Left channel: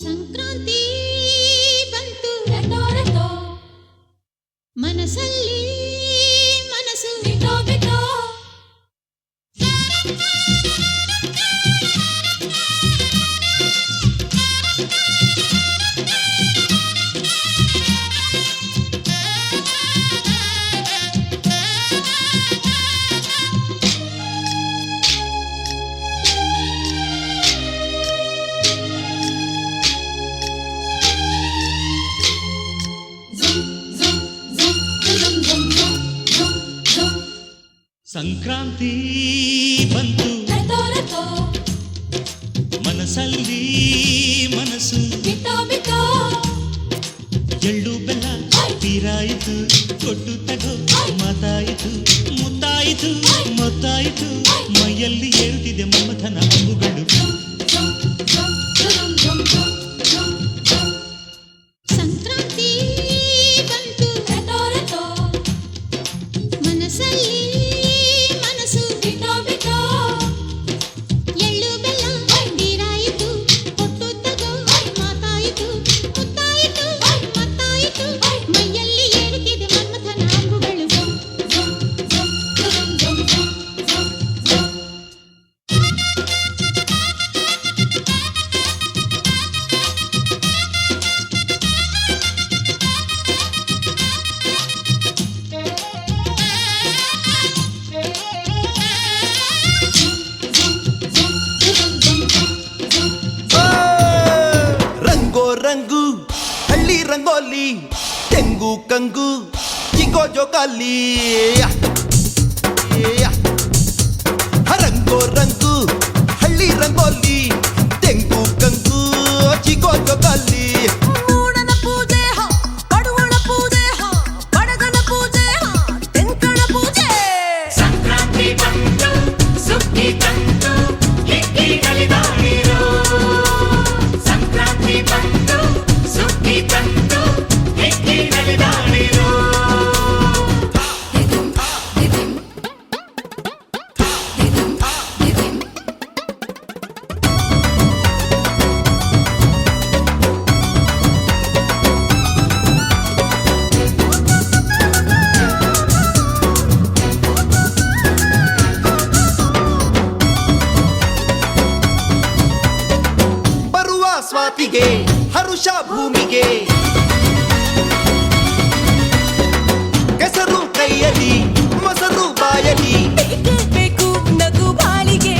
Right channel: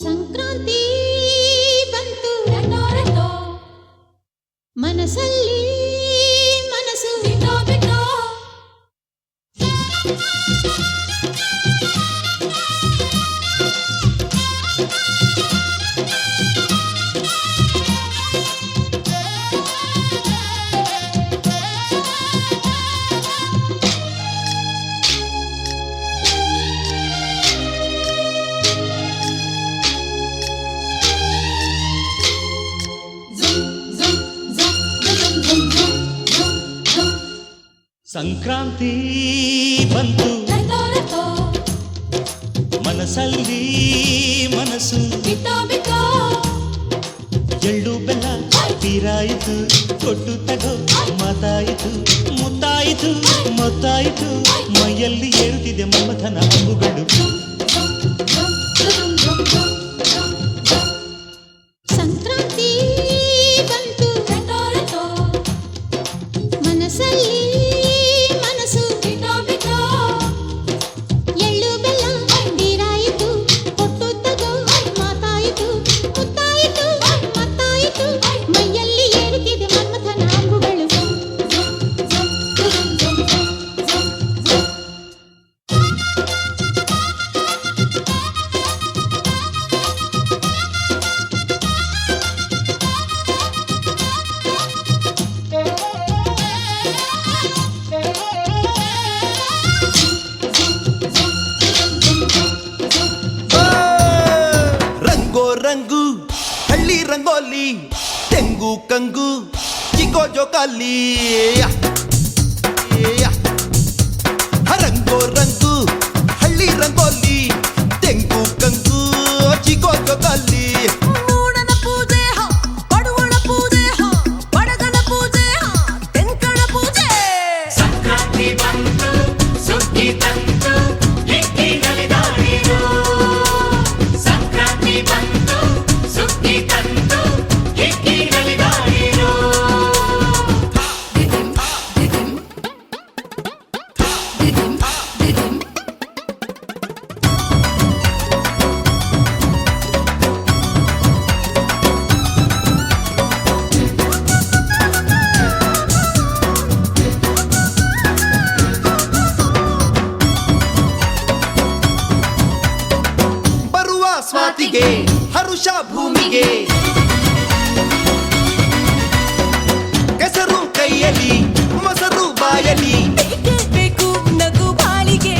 ಸಂಕ್ರಾಂತಿ ಬಂತು ರೆಟೋ ರೆಟೋ ಮನಸ್ಸಲ್ಲಿ ಮನಸ್ಸು ಬಿಟೋ ಬಿಟೋ ಸಂಕ್ರಾಂತಿ ಬಂತು ರೆಟೋ ರೆಟೋ ಮನಸ್ಸಲ್ಲಿ ಮನಸ್ಸು ಬಿಟೋ ಬಿಟೋ ಎಳ್ಳು ಬೆಲ್ಲ ತೀರಾಯಿತು ಕೊಟ್ಟು ತಗೋ ಮಾತಾಯಿತು ಮುತ್ತಾಯಿತು ಮೊತ್ತಾಯಿತು ಮೈಯಲ್ಲಿ ಏರುತ್ತಿದೆ ಮಮಥನ ಹಬ್ಬುಗಳು ಸಂಕ್ರಾಂತಿ ಬಂತು ರೆಟೋ ರೆಟೋ ಮನಸ್ಸಲ್ಲಿ ಮನಸ್ಸು ಬಿಟೋ ಬಿಟೋ ಎಳ್ಳು ಬೆಲ್ಲ ತೀರಾಯಿತು ಕೊಟ್ಟು ತಗೋ ಮಾತಾಯಿತು ಮುತ್ತಾಯಿತು ಮತ್ತಾಯಿತು ಮೈಯಲ್ಲಿ ಏರುತ್ತಿದೆ ಮನ್ಮಥನ ಅಂಬುಗಳು ರಂಗೋ ರಂಗು ಹಳ್ಳಿ ರಂಗೋಲಿ ತೆಂಗು ಕಂಗು ಚಿಕ್ಕೋ ಜೋಕಾಲಿ ರಂಗೋ ರಂಗು ಹಳ್ಳಿ ರಂಗೋಲಿ ತೆಂಗು ಕಂಗು ಚಿಕ್ಕೋ ಜೋಕಾಲಿ ಮೂಡನ ಪೂಜೆ ಬಡವಳ ಪೂಜೆ ಬಡಗನ ಪೂಜೆ ತೆಂಕಣ ಪೂಜೆ ಸಂಕ್ರಾಂತಿ ಬಂತು ಸುಗ್ಗಿ ತಂತು ಹಿಕ್ಕಿಗಳಿದಾಡಿರೋ ಸಂಕ್ರಾಂತಿ ಬಂತು ಸುಗ್ಗಿ ತಂತು ಹಿಕ್ಕಿಗಳಿದಾಡಿರೋ ಬರುವ ಸ್ವಾತಿಗೆ ಹರುಷ ಭೂಮಿಗೆ ಕೆಸರು ಕೈಯಲ್ಲಿ ಮೊಸರು ಬಾಯಲಿ ಬೇಕೇ ಬೇಕು ನಗು ಬಾಳಿಗೆ